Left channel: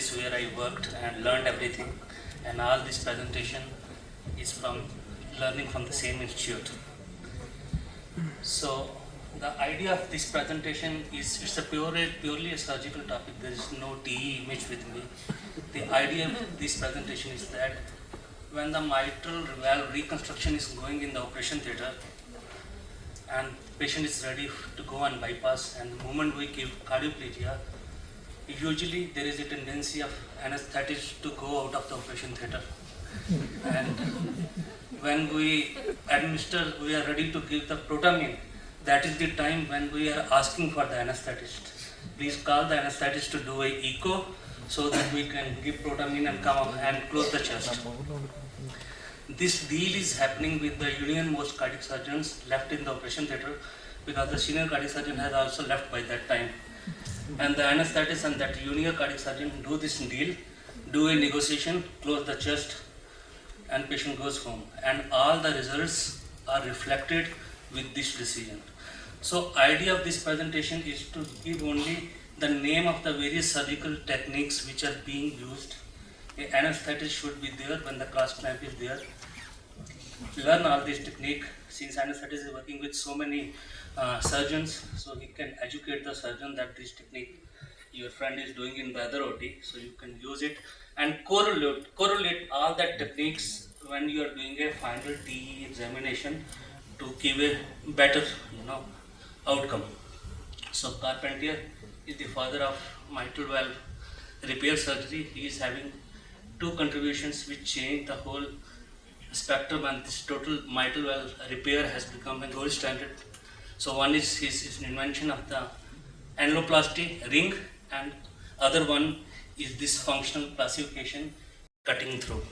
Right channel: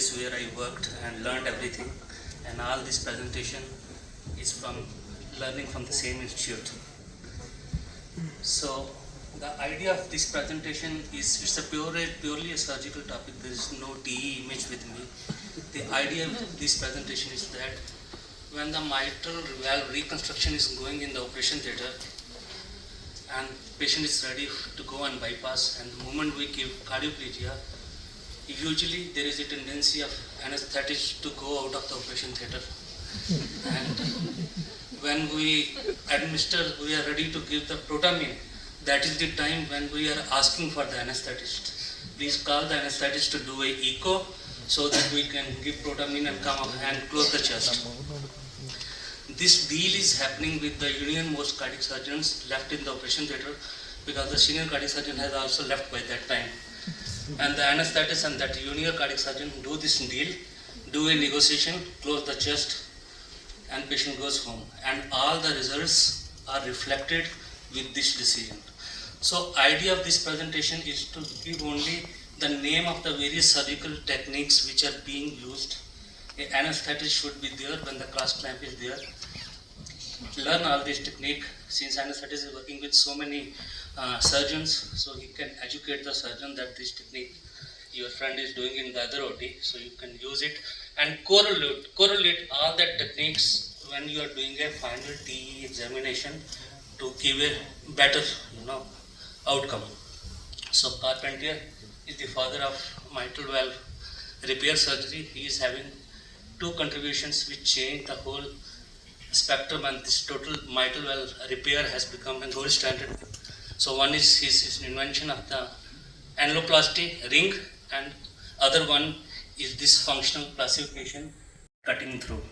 place where I worked and learned everything, and all this presentation is from learning from the same institute. So the idea of this presentation is it's a purely a surgical topic. There is no TE image with me. The idea of this presentation is that when the mitral valve reconstruction is going in the operation theatre and patient is ready to go on bypass, and the moment we give cardioplegia, usually there is a tendency of anesthetist to go out of the operation theatre. And when we are ready to give the protamine, that is the time when we are asking for the anesthetist. Please call the anesthetist to do a echo so that we can give protamine and come up and close the chest. This deal is happening with the union most cardiac surgeons left in the operation theatre, because the senior cardiac surgeon has also left by that time. And the anesthetist and that junior cardiac surgeon do this deal, do a negotiation, close the chest, and patient goes home. And all the results are reflected with this decision. So idea of this presentation is to give only the name of the various surgical techniques which are being used. An anesthetist should be there when the cross clamp is there. Learn all this technique, since anesthetist is working with so many surgeons, so he can educate the surgeon that this technique your friend is doing in the other OT, so you can use it and correlate all that techniques when you are doing a final TE examination to give a better outcome. So Carpentier is the father of mitral valve repair surgery. He is having two contributions which change the whole spectrum, and this total mitral valve repair has become a gold standard. So one is his invention of the annuloplasty ring, and other one is this functional classification cutting through.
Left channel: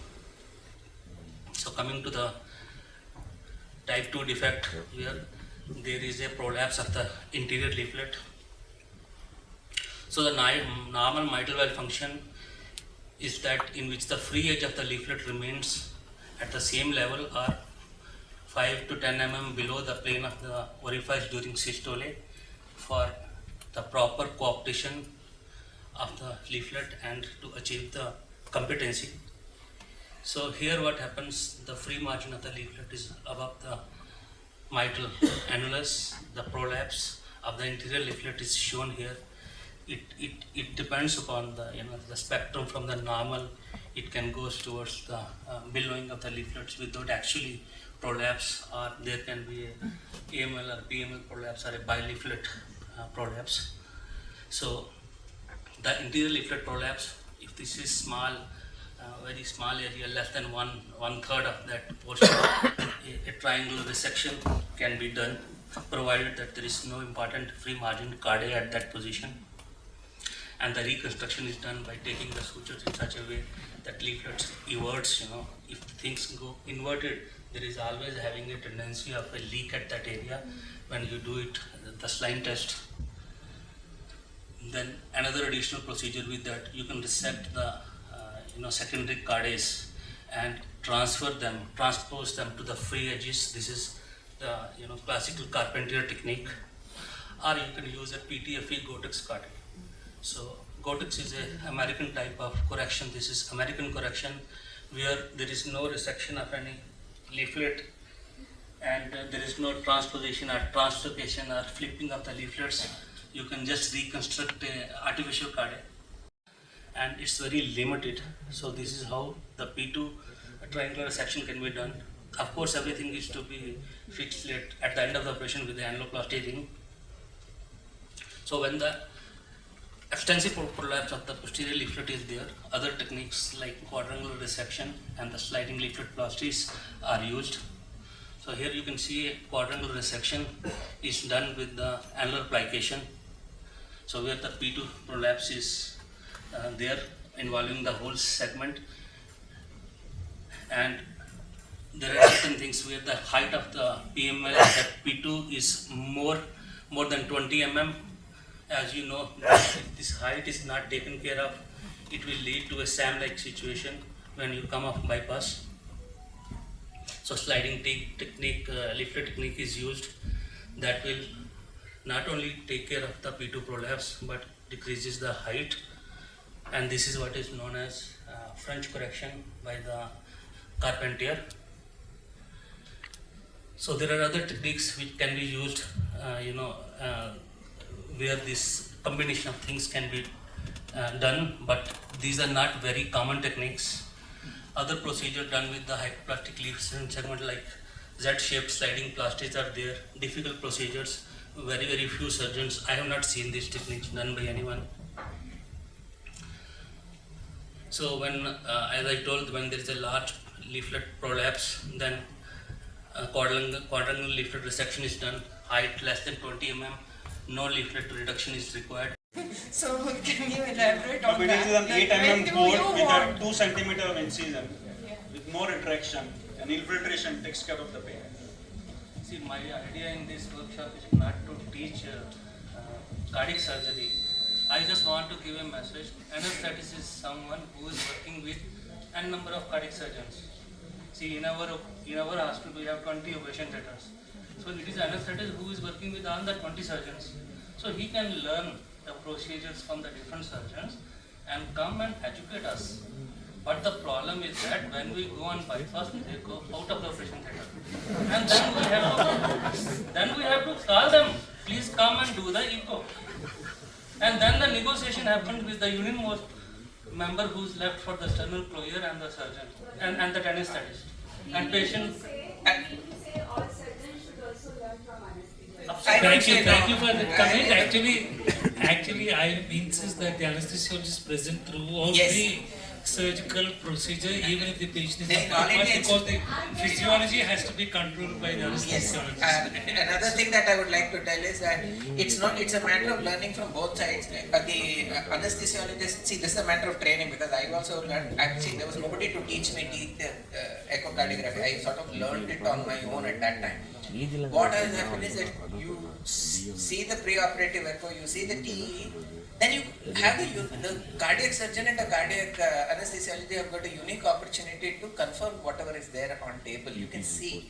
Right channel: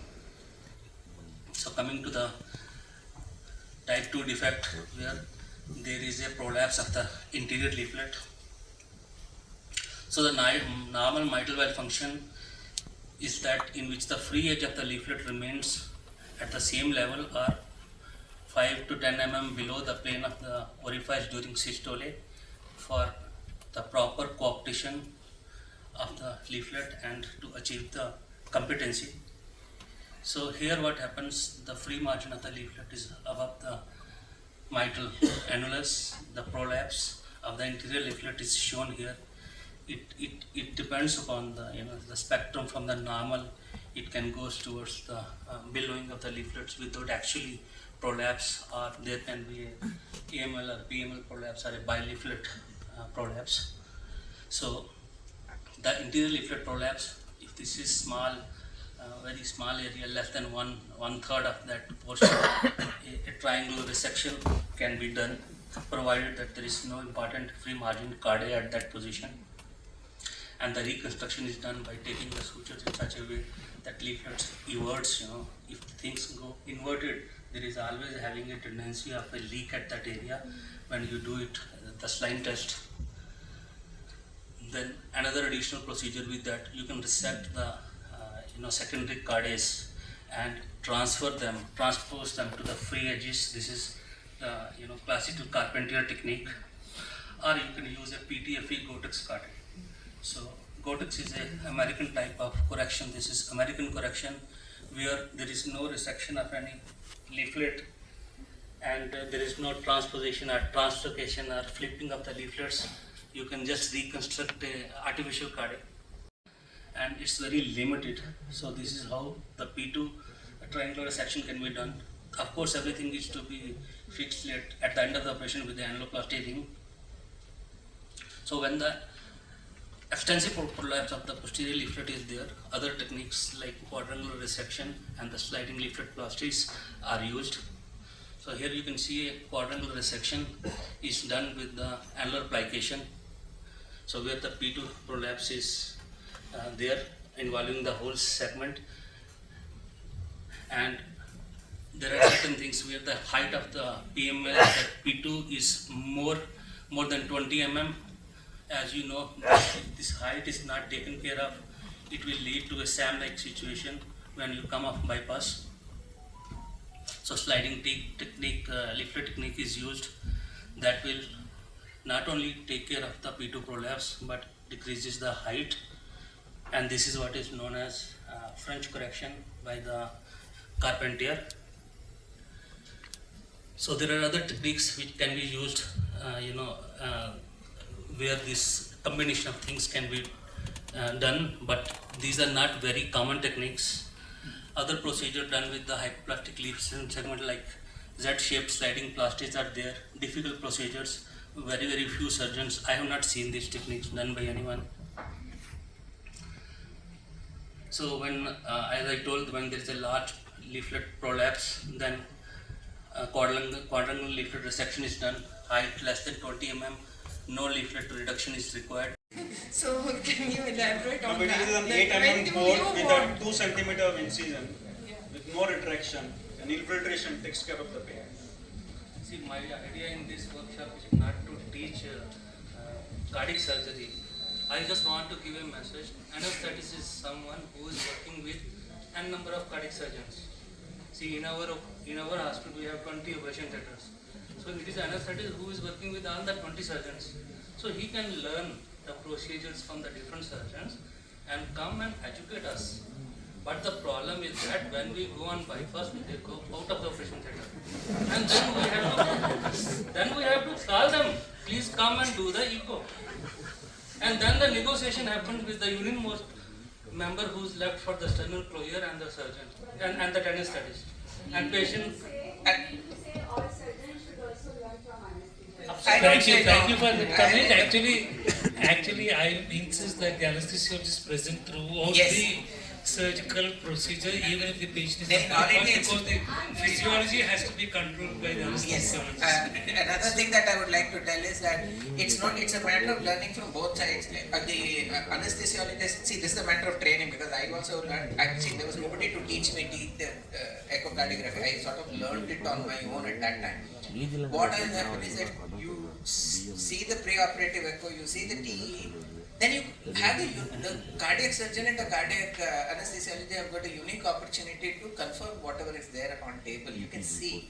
So coming to the type 2 defect, here there is a prolapse of the interior leaflet. So the normal mitral valve function is that in which the free edge of the leaflet remains at the same level or 5 to 10 mm below the plane of the orifice during systole for the proper coaptation of the leaflet and to achieve the competency. So here what happens, the free margin of the leaflet is above the mitral annulus. The prolapse of the interior leaflet is shown here. It depends upon the spectrum from the normal. It can go towards the billowing of the leaflets without actually prolapse, or there can be a AML or PML prolapse or a bileaflet prolapse. So the interior leaflet prolapse, if this is small, very small area, less than one third of that portion, a triangular resection can be done, provided that there is no important free margin cardia at that position. And the reconstruction is done by taking the sutures in such a way that leaflets everts. If things go inverted, there is always having a tendency of a leak at that area when you do it, the slime test. Then another additional procedure with that, you can resect the secondary cardiacs and transpose them to the free edges. This is the classical Carpentier technique, or you can use a PTFE Gotex cardia. So Gotex is an American type of correction. This is American correction where there is no resection of any leaflet, and there is no transposition or translocation or flipping of the leaflets. You can just reconstruct an artificial cardia, and it's very limited. So this is how the P2 triangular section can be done. Of course, everything is to be fixed at the end of the operation with the annuloplasty ring. So when the extensive prolapse of the posterior leaflet is there, other techniques like quadrangular resection and the sliding leaflet plasties are used. So here you can see a quadrangular resection is done with the annular plication. So where the P2 prolapse is there, involving the whole segment, and there are certain things where the height of the PML at P2 is more than 20 mm. As you know, if this height is not taken care of, it will lead to a SAM-like situation when you come off bypass. So sliding technique, leaflet technique is used that will not only take care of the P2 prolapse but decreases the height and this is what is known as French correction by the Carpentier. So there are other techniques which can be used, where this combination of things can be done, but these are not very common techniques. Other procedures done with the hypoplastic leaf segment like Z-shaped sliding plastics are there, difficult procedures, very few surgeons. I have not seen these techniques done by anyone. So when, as I told, when there is a large leaflet prolapse, then quadrangular leaflet resection is done, height less than 20 mm, no leaflet reduction is required. So can you elaborate on But it that? is an Like, 8 when mm do board you with a want- 2 centimeter of incision with no retraction, and infiltration takes care of the pain. See, my idea in this workshop is not to teach cardiac surgery. I just want to give a message. Anesthetist is someone who is working with n number of cardiac surgeons. See, in our hospital we have 20 operation theaters. So it is anesthetist who is working with all the 20 surgeons. So he can learn the procedures from the different surgeons and come and educate us. But the problem is that when we go on bypass, they go out of the operation theater. And then we have to call them, please come and do the echo. And then the negotiation happens with the unit member who's left for the sternal closure and the surgeon and the anesthetist. And patient. You say all surgeons should also learn from anesthesia. Thank you for the comment. Actually, I insist that the anesthesiologist is present throughout Yes. the surgical procedure, even if the patient is Then not already because the physiology has to be controlled by the Yes. anesthesiologist. Another thing that I would like to tell is that it's a matter of learning from both sides. The anesthesiologist, see, this is a matter of training because I also learned, there was nobody to teach me echocardiography. I sort of learned it on my own at that time. What has happened is that you see the pre-operative echo, you see the TE, then you have the cardiac surgeon and the cardiac anesthesiologist have got a unique opportunity to confirm whatever is there on table. You can see,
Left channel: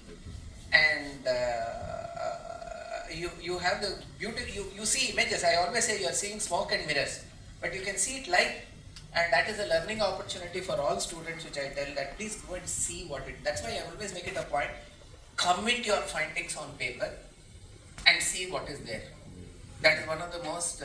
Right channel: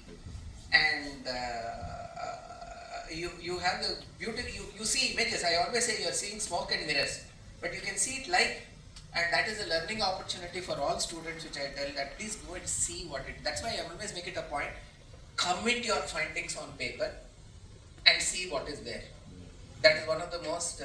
and you have the beauty. You see images. I always say you are seeing smoke and mirrors, but you can see it live, and that is a learning opportunity for all students. Which I tell that please go and see what it. That's why I always make it a point. Commit your findings on paper and see what is there. That is one of the most